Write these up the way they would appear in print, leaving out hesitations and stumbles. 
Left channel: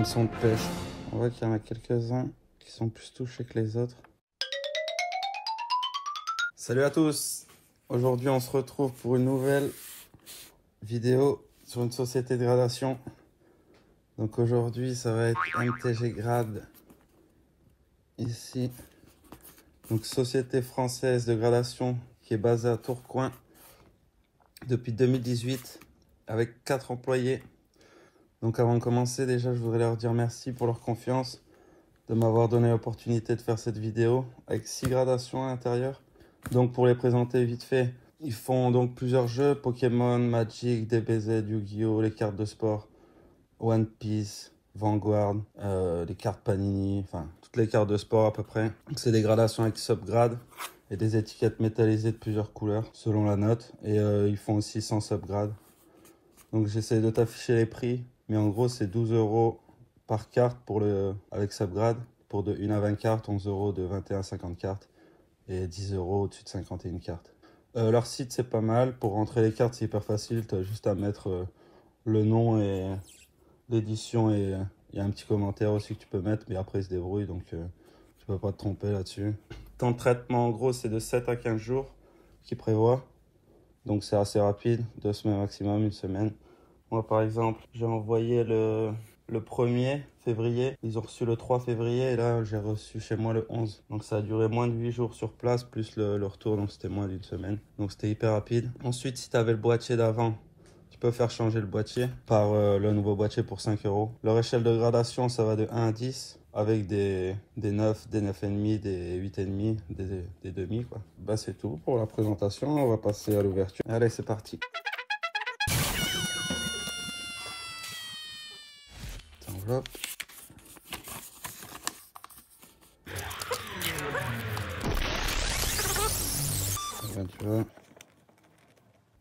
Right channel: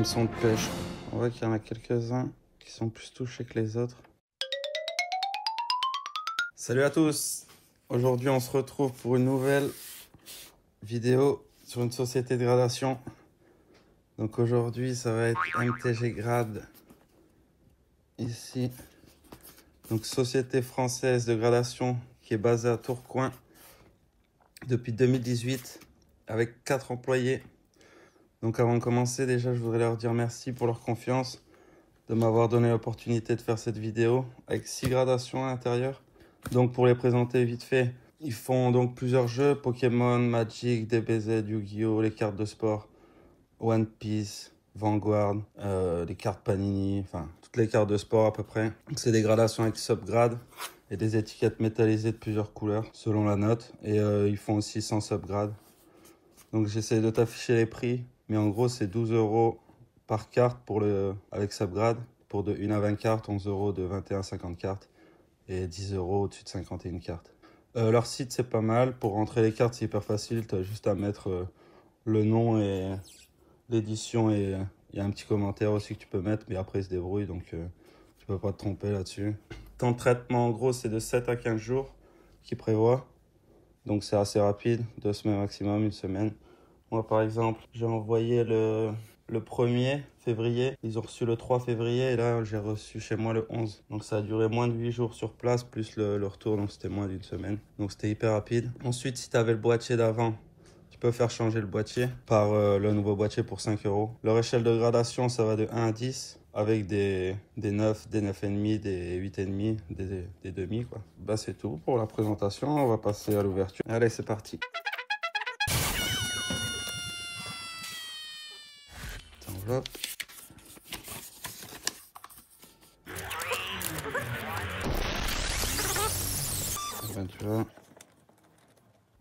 hameçon de pêche. On voit qu'il y en a quelques-uns qui sont plus touchés que les autres. Salut à tous! Aujourd'hui on se retrouve pour une nouvelle vidéo sur une société de gradation. Donc aujourd'hui ça va être MTG Grade ici. Donc société française de gradation qui est basée à Tourcoing depuis 2018 avec 4 employés. Donc avant de commencer, déjà je voudrais leur dire merci pour leur confiance, de m'avoir donné l'opportunité de faire cette vidéo avec 6 gradations à l'intérieur. Donc pour les présenter vite fait, ils font donc plusieurs jeux, Pokémon, Magic, DBZ, Yu-Gi-Oh, les cartes de sport, One Piece, Vanguard, les cartes Panini, enfin toutes les cartes de sport à peu près. C'est des gradations avec subgrade et des étiquettes métallisées de plusieurs couleurs selon la note. Et ils font aussi sans subgrade. Donc j'essaie de t'afficher les prix, mais en gros c'est 12 € par carte pour avec subgrade, pour de 1 à 20 cartes, 11 € de 21 à 50 cartes et 10 € au-dessus de 51 cartes. Leur site c'est pas mal, pour rentrer les cartes c'est hyper facile, tu as juste à mettre le nom et l'édition et il y a un petit commentaire aussi que tu peux mettre, mais après ils se débrouillent donc tu peux pas te tromper là-dessus. Temps de traitement en gros c'est de 7 à 15 jours qu'ils prévoient. Donc c'est assez rapide, 2 semaines maximum, 1 semaine. Moi par exemple, j'ai envoyé le 1er février, ils ont reçu le 3 février et là j'ai reçu chez moi le 11. Donc ça a duré moins de 8 jours sur place, plus le retour, donc c'était moins d'1 semaine. Donc c'était hyper rapide. Ensuite, si tu avais le boîtier d'avant, tu peux faire changer le boîtier par le nouveau boîtier pour 5 €. Leur échelle de gradation, ça va de 1 à 10. Avec des 9, des 9,5, des 8,5, des demi quoi. Bah c'est tout pour la présentation, on va passer à l'ouverture. Allez c'est parti. Hop. Ben, tu vois,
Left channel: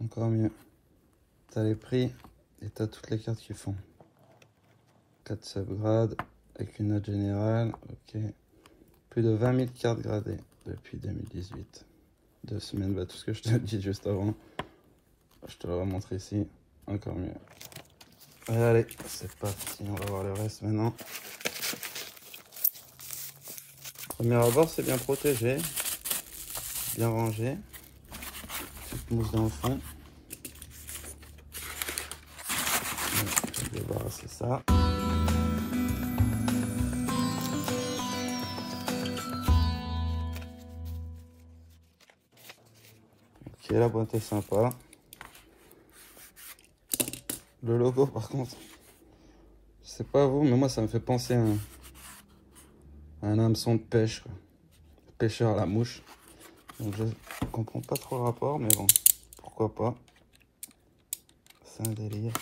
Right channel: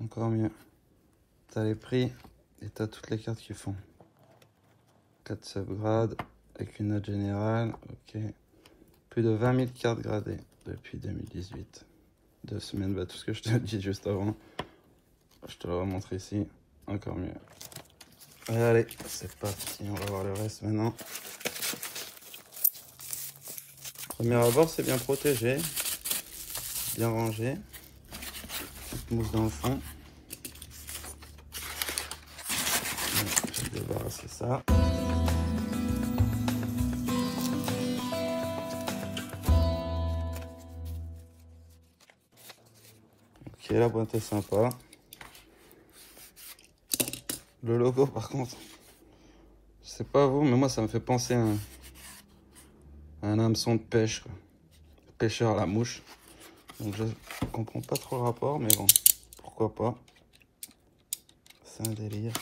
encore mieux. T'as les prix et t'as toutes les cartes qu'ils font. 4 subgrades avec une note générale, ok. Plus de 20 000 cartes gradées depuis 2018. 2 semaines, bah, tout ce que je te dis juste avant. Je te le remontre ici, encore mieux. Allez, c'est parti, on va voir le reste maintenant. Le abord c'est bien protégé, bien rangé. Petite mousse dans le fond. Je vais débarrasser ça. Ok, la boîte est sympa. Le logo par contre, je sais pas vous, mais moi ça me fait penser à un hameçon de pêche, quoi. Pêcheur à la mouche. Donc je comprends pas trop le rapport, mais bon, pourquoi pas. C'est un délire.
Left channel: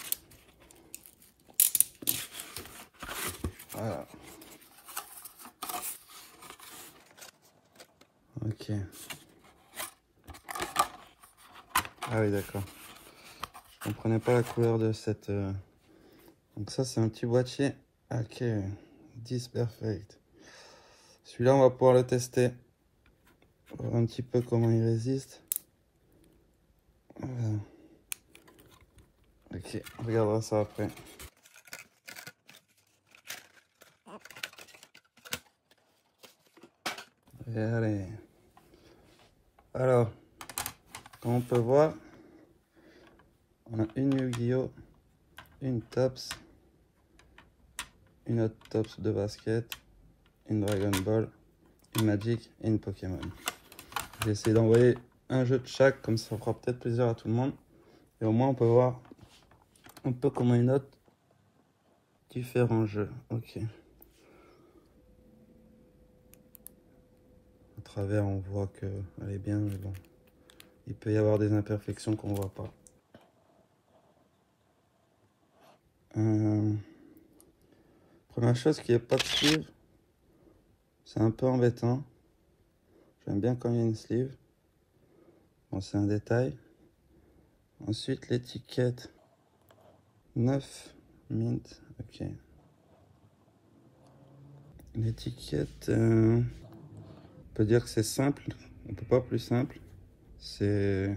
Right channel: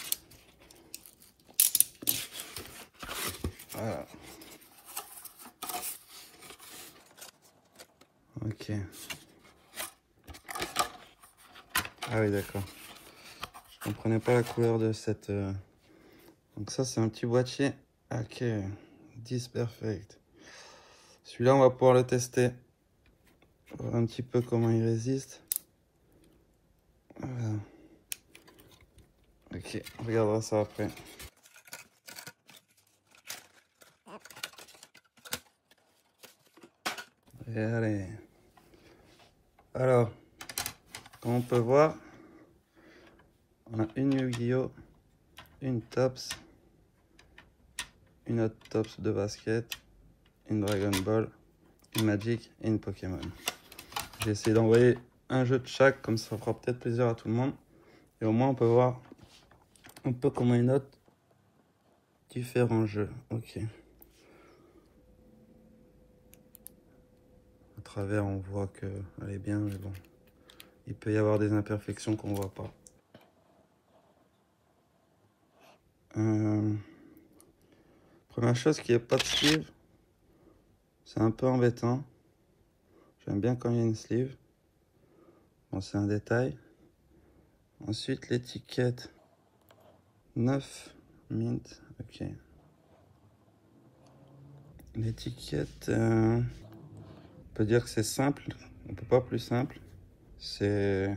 Voilà. Ok. Ah oui d'accord. Je comprenais pas la couleur de cette... Donc ça c'est un petit boîtier. Ok. 10 perfect. Celui-là on va pouvoir le tester. Voir un petit peu comment il résiste. Voilà. Ok, on regardera ça après. Et allez. Alors, comme on peut voir, on a une Yu-Gi-Oh, une Tops, une autre Tops de basket, une Dragon Ball, une Magic et une Pokémon. J'ai essayé d'envoyer un jeu de chaque, comme ça fera peut-être plaisir à tout le monde. Et au moins on peut voir un peu comment ils notent différents jeux. Ok. À travers on voit qu'elle est bien, mais bon. Il peut y avoir des imperfections qu'on voit pas. Première chose, qu'il n'y a pas de sleeve. C'est un peu embêtant. J'aime bien quand il y a une sleeve. Bon, c'est un détail. Ensuite, l'étiquette 9 mint. Ok. L'étiquette, on peut dire que c'est simple. On peut pas plus simple. C'est...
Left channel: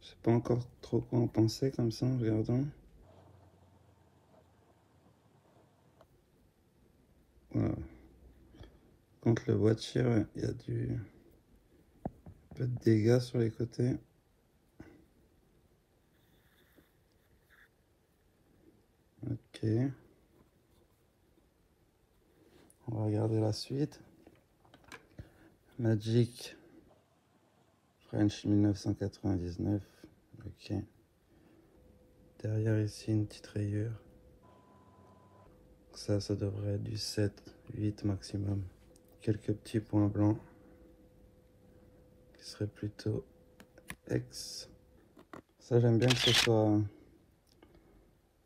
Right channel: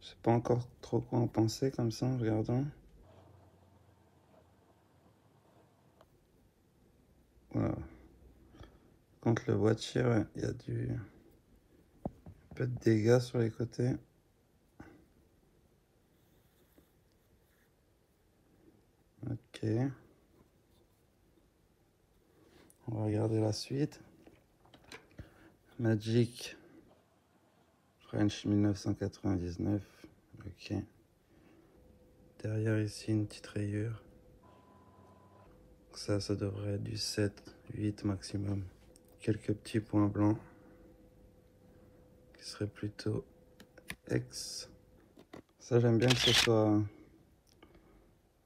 Je sais pas encore trop quoi en penser comme ça en regardant. Voilà. Contre le boîtier, ouais, il y a un peu de dégâts sur les côtés. Ok. On va regarder la suite. Magic French 1999. Ok. Derrière ici une petite rayure. Ça devrait être du 7, 8 maximum. Quelques petits points blancs qui seraient plutôt X. Ça j'aime bien que ce soit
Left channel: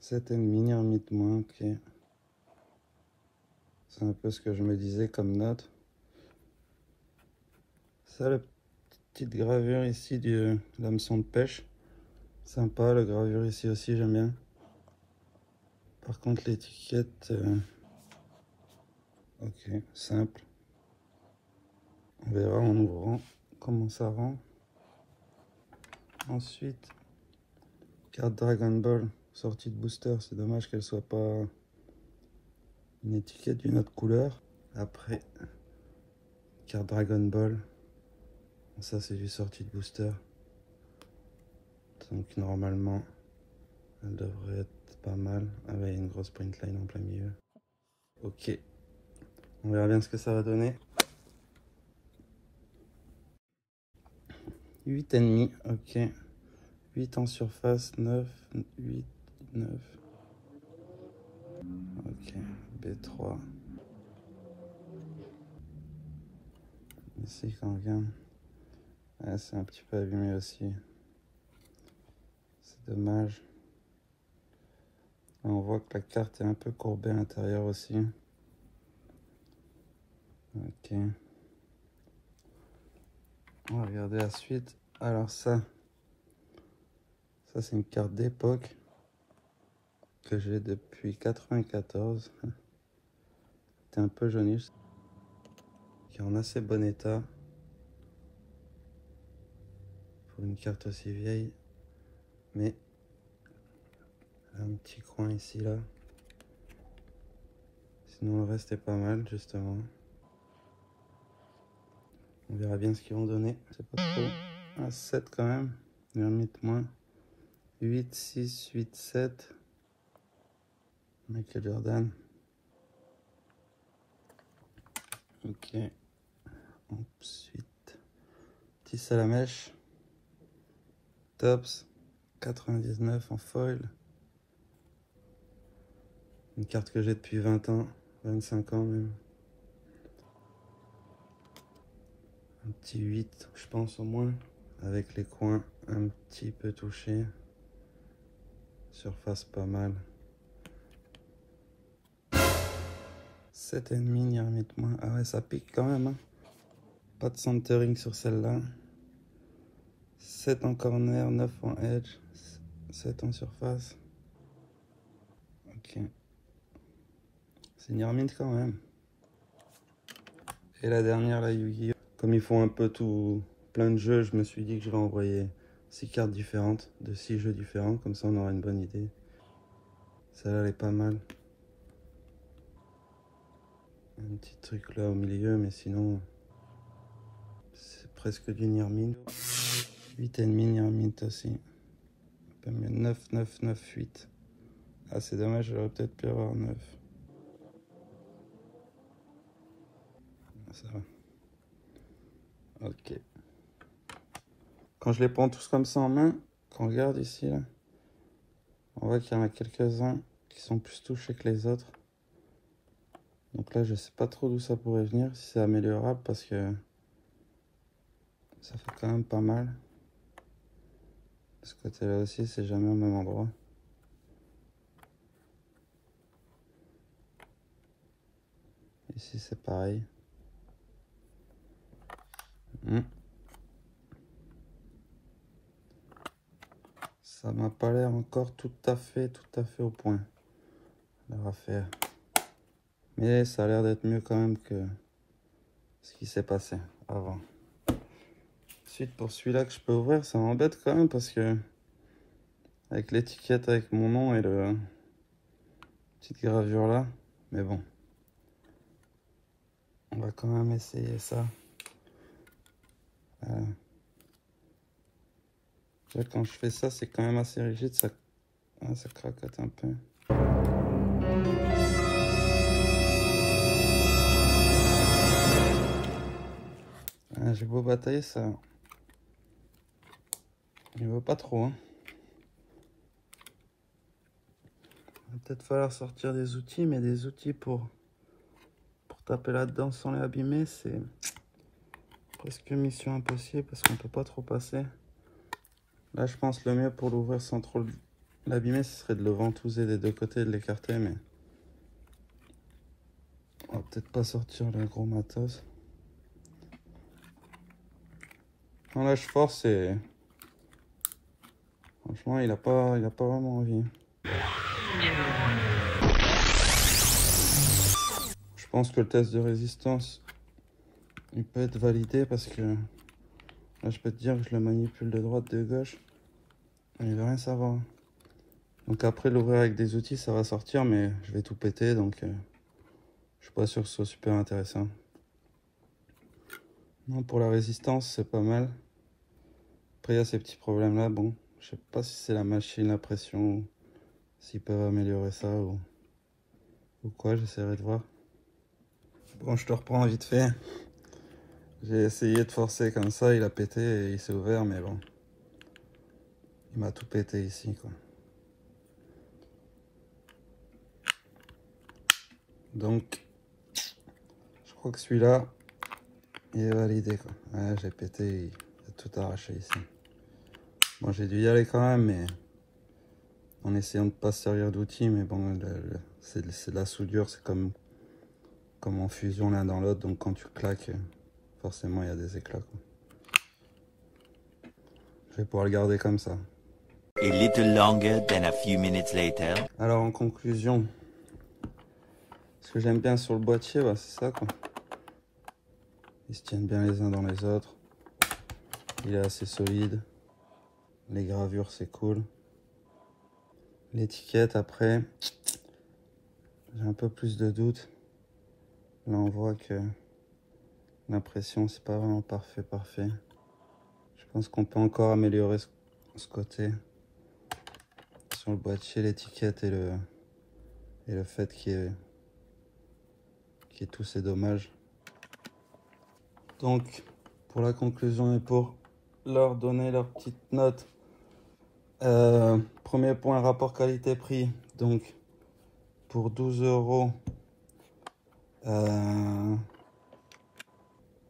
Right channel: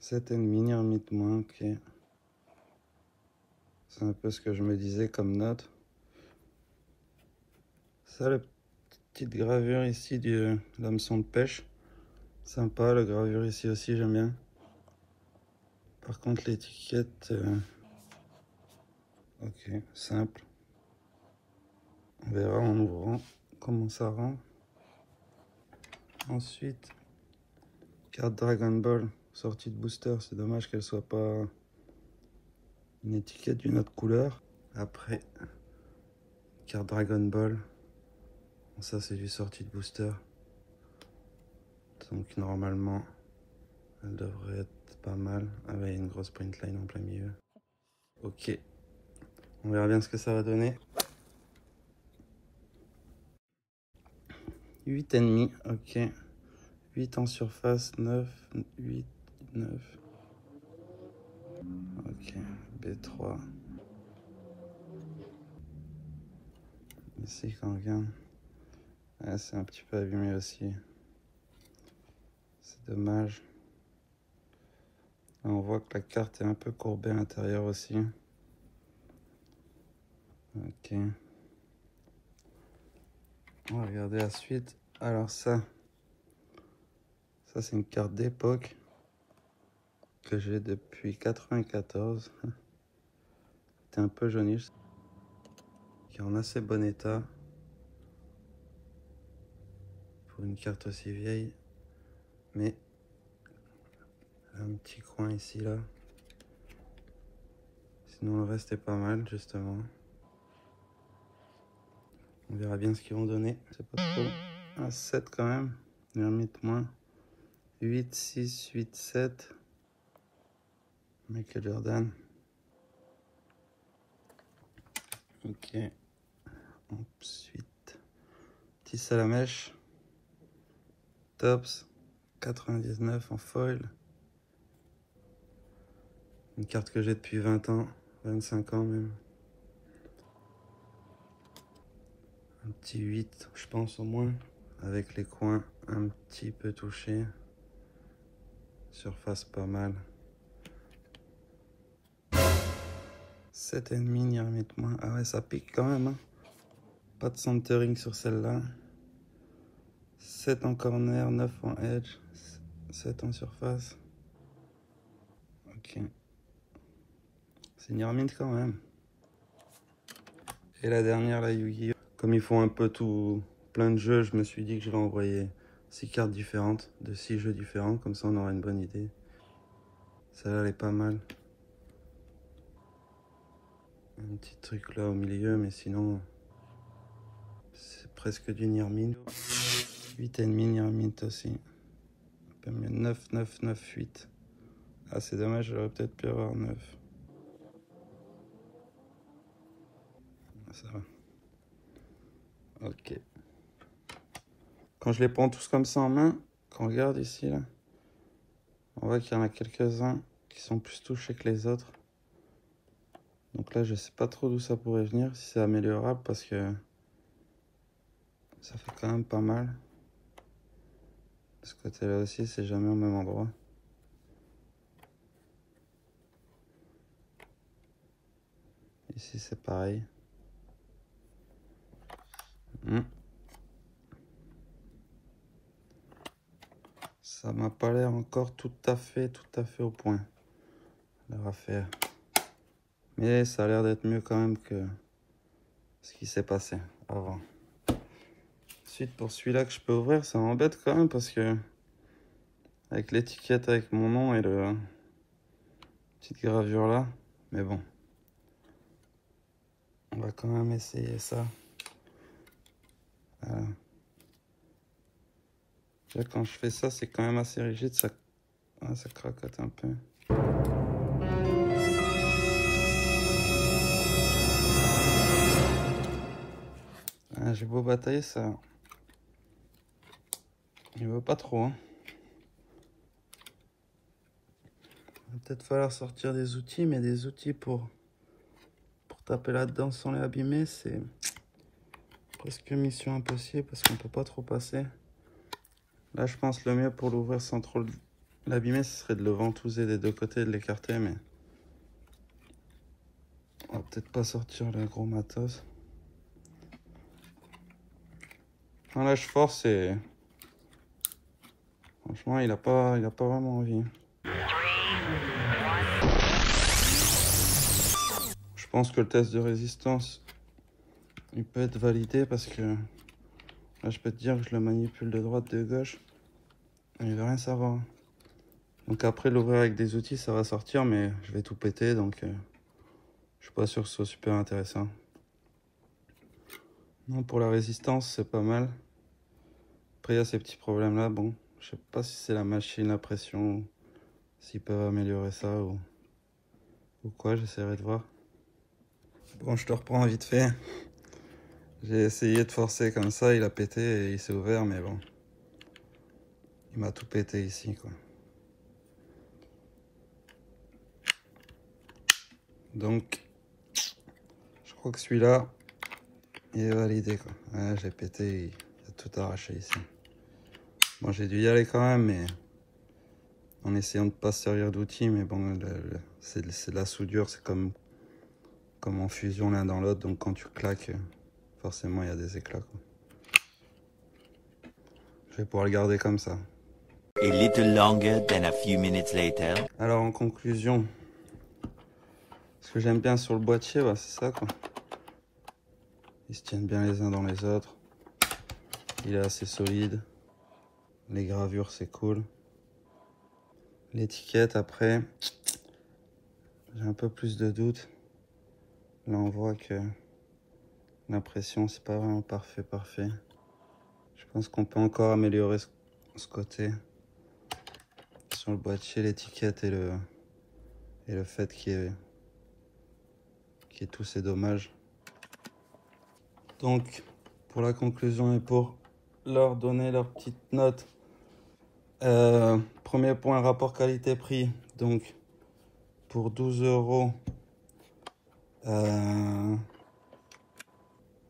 7,5 limite moins. Ok. C'est un peu ce que je me disais comme note. Ça, la petite gravure ici de l'hameçon de pêche. Sympa, la gravure ici aussi, j'aime bien. Par contre, l'étiquette, ok, simple. On verra en ouvrant comment ça rend. Ensuite, carte Dragon Ball, sortie de booster. C'est dommage qu'elle soit pas une étiquette d'une autre couleur. Après, carte Dragon Ball. Ça, c'est du sortie de booster. Donc, normalement, elle devrait être pas mal. Ah, mais il y a une grosse print line en plein milieu. Ok. On verra bien ce que ça va donner. 8,5, ok. 8 en surface, 9, 8, 9. Ok, B3. Ici, quand on regarde, c'est un petit peu abîmé aussi. C'est dommage. On voit que la carte est un peu courbée à l'intérieur aussi. Ok. On va regarder la suite. Alors ça c'est une carte d'époque que j'ai depuis 94. C'est un peu jauniche. Qui est en assez bon état. Pour une carte aussi vieille. Mais un petit coin ici là. Sinon le reste est pas mal justement. On verra bien ce qu'ils vont donner. C'est pas trop. Un 7 quand même. Limite moins. 8, 6, 8, 7. Michael Jordan. Ok. Ensuite. Petit Salamèche. Tops. 99 en foil. Une carte que j'ai depuis 20 ans. 25 ans même. Un petit 8, je pense au moins. Avec les coins un petit peu touchés. Surface pas mal. 7,5, n'y remettre moins. Ah ouais, ça pique quand même. Hein. Pas de centering sur celle-là. 7 en corner, 9 en edge, 7 en surface. Ok. C'est une Yarmint quand même. Et la dernière, la Yu-Gi-Oh! Comme ils font un peu tout, plein de jeux, je me suis dit que je vais envoyer 6 cartes différentes, de 6 jeux différents, comme ça on aura une bonne idée. Celle-là, elle est pas mal. Un petit truc là au milieu, mais sinon, c'est presque du Nirmint. 8,5 Nirmint aussi. Un peu mieux. 9, 9, 9, 8. Ah, c'est dommage, j'aurais peut-être pu avoir 9. Ça va. Ok. Quand je les prends tous comme ça en main, quand on regarde ici, là, on voit qu'il y en a quelques-uns qui sont plus touchés que les autres. Donc là, je sais pas trop d'où ça pourrait venir, si c'est améliorable, parce que ça fait quand même pas mal. De ce côté-là aussi, c'est jamais au même endroit. Ici, c'est pareil. Ça m'a pas l'air encore tout à fait au point. On va faire. Mais ça a l'air d'être mieux quand même que ce qui s'est passé. Au revoir. Ensuite, pour celui-là que je peux ouvrir, ça m'embête quand même parce que avec l'étiquette avec mon nom et le petite gravure là, mais bon, On va quand même essayer ça. Voilà. Là, quand je fais ça, c'est quand même assez rigide, ça craquette un peu. Ah, j'ai beau batailler, ça. Il veut pas trop. Hein. Il va peut-être falloir sortir des outils, mais des outils pour taper là-dedans sans les abîmer, c'est presque mission impossible parce qu'on peut pas trop passer. Là, je pense le mieux pour l'ouvrir sans trop l'abîmer, ce serait de le ventouser des deux côtés et de l'écarter, mais on va peut-être pas sortir le gros matos. Quand là, je force et franchement, il a pas vraiment envie. Je pense que le test de résistance, il peut être validé parce que là, je peux te dire que je le manipule de droite, de gauche. Il veut rien savoir. Donc après, l'ouvrir avec des outils, ça va sortir, mais je vais tout péter, donc je suis pas sûr que ce soit super intéressant. Non, pour la résistance, c'est pas mal. Après, il y a ces petits problèmes-là. Bon, je sais pas si c'est la machine, la pression, s'ils peuvent améliorer ça ou quoi, j'essaierai de voir. Bon, je te reprends vite fait. J'ai essayé de forcer comme ça, il a pété et il s'est ouvert, mais bon. Il m'a tout pété ici, quoi. Donc, je crois que celui-là, il est validé, quoi. Ouais, j'ai pété, il a tout arraché ici. Bon, j'ai dû y aller quand même, mais en essayant de ne pas se servir d'outils, mais bon, c'est de la soudure, c'est comme en fusion l'un dans l'autre, donc quand tu claques, forcément il y a des éclats, quoi. Je vais pouvoir le garder comme ça. A little longer than a few minutes later. Alors en conclusion, ce que j'aime bien sur le boîtier, bah, c'est ça, quoi. Ils se tiennent bien les uns dans les autres. Il est assez solide. Les gravures, c'est cool. L'étiquette, après, j'ai un peu plus de doutes. Là, on voit que l'impression, c'est pas vraiment parfait. Je pense qu'on peut encore améliorer ce côté. Sur le boîtier, l'étiquette et le fait qu'il y ait tous ces dommages. Donc, pour la conclusion et pour leur donner leur petite note, premier point, rapport qualité-prix. Donc, pour 12 €,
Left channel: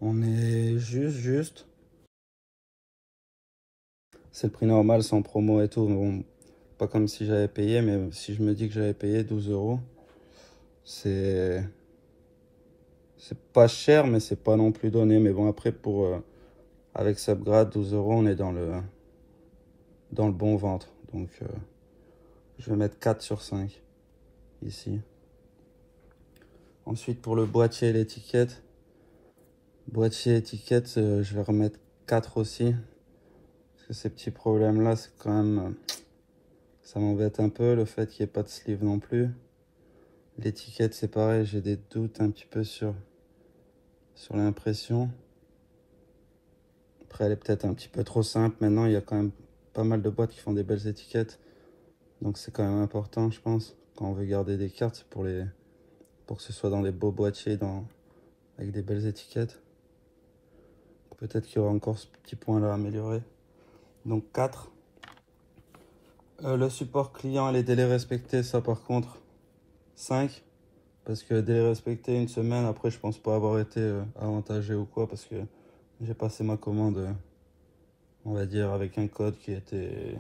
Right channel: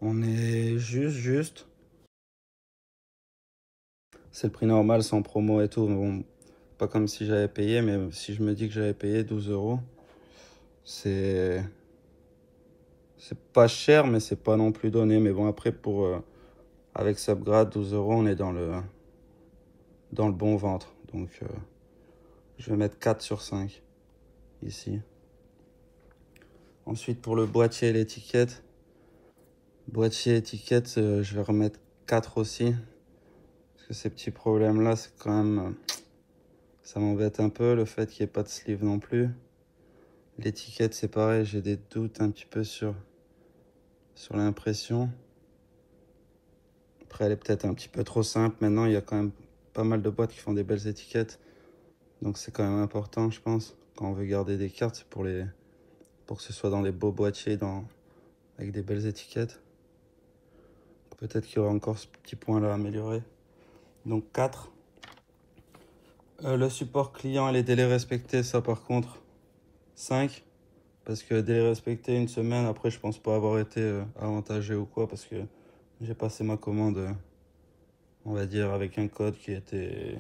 on est juste. C'est le prix normal sans promo et tout, mais bon, pas comme si j'avais payé, mais si je me dis que j'avais payé 12 €, c'est pas cher, mais c'est pas non plus donné. Mais bon, après, avec Subgrade, 12 €, on est dans le bon ventre. Donc, je vais mettre 4 sur 5 ici. Ensuite, pour le boîtier et l'étiquette, je vais remettre 4 aussi. Parce que ces petits problèmes-là, c'est quand même... ça m'embête un peu, le fait qu'il n'y ait pas de sleeve non plus. L'étiquette, c'est pareil, j'ai des doutes un petit peu sur l'impression. Après, elle est peut-être un petit peu trop simple. Maintenant, il y a quand même pas mal de boîtes qui font des belles étiquettes. Donc, c'est quand même important, je pense. Quand on veut garder des cartes, c'est pour que ce soit dans des beaux boîtiers, avec des belles étiquettes. Peut-être qu'il y aura encore ce petit point-là à améliorer. Donc, 4. Le support client et les délais respectés, ça par contre, 5. Parce que délai respecté une semaine, après je pense pas avoir été avantagé ou quoi, parce que j'ai passé ma commande, on va dire, avec un code qui était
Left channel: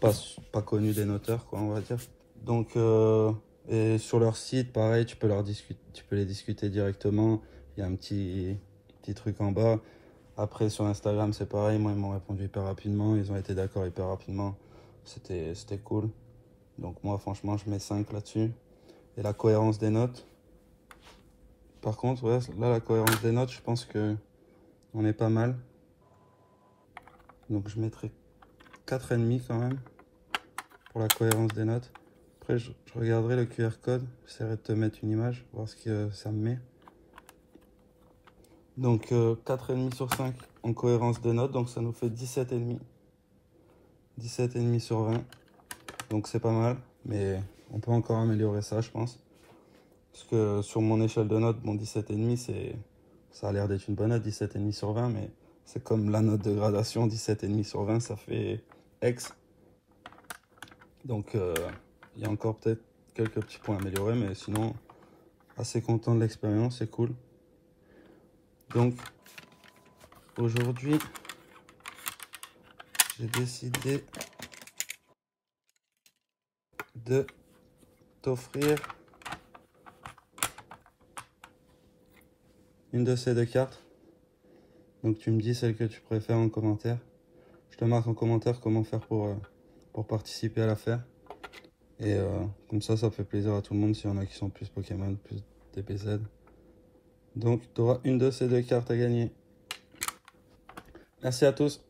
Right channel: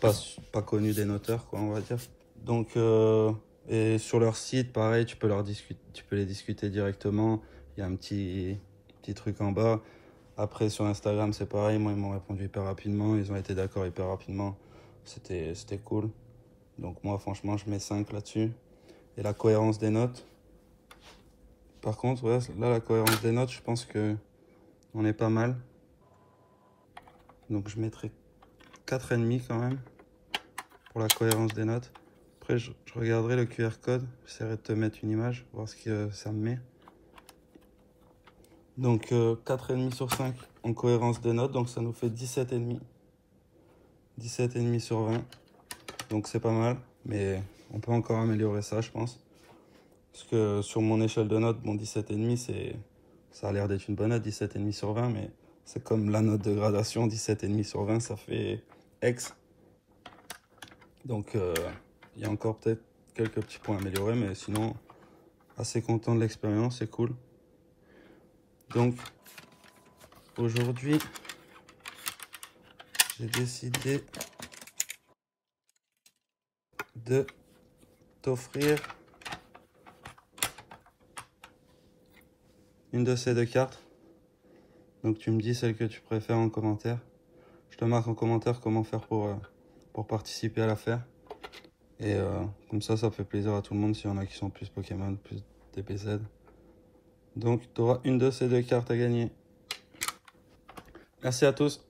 pas connu des noteurs, quoi, on va dire. Donc, et sur leur site, pareil, tu peux les discuter directement. Il y a un petit truc en bas. Après, sur Instagram, c'est pareil. Moi, ils m'ont répondu hyper rapidement. Ils ont été d'accord hyper rapidement. C'était cool. Donc, moi, franchement, je mets 5 là-dessus. Et la cohérence des notes. Par contre, ouais, là, la cohérence des notes, je pense que on est pas mal. Donc, je mettrai 4,5 quand même pour la cohérence des notes. Après, je regarderai le QR code. J'essaierai de te mettre une image, voir ce que ça me met. Donc 4,5 sur 5 en cohérence des notes, donc ça nous fait 17,5. 17,5 sur 20. Donc c'est pas mal, mais on peut encore améliorer ça, je pense. Parce que sur mon échelle de notes, bon 17,5, ça a l'air d'être une bonne note, 17,5 sur 20, mais c'est comme la note de gradation, 17,5 sur 20, ça fait X. Donc il y a encore peut-être quelques petits points à améliorer, mais sinon, assez content de l'expérience, c'est cool. Donc aujourd'hui, j'ai décidé de t'offrir une de ces deux cartes. Donc tu me dis celle que tu préfères en commentaire. Je te marque en commentaire comment faire pour participer à l'affaire. Et comme ça fait plaisir à tout le monde s'il y en a qui sont plus Pokémon, plus DBZ. Donc tu auras une de ces deux cartes à gagner. Merci à tous.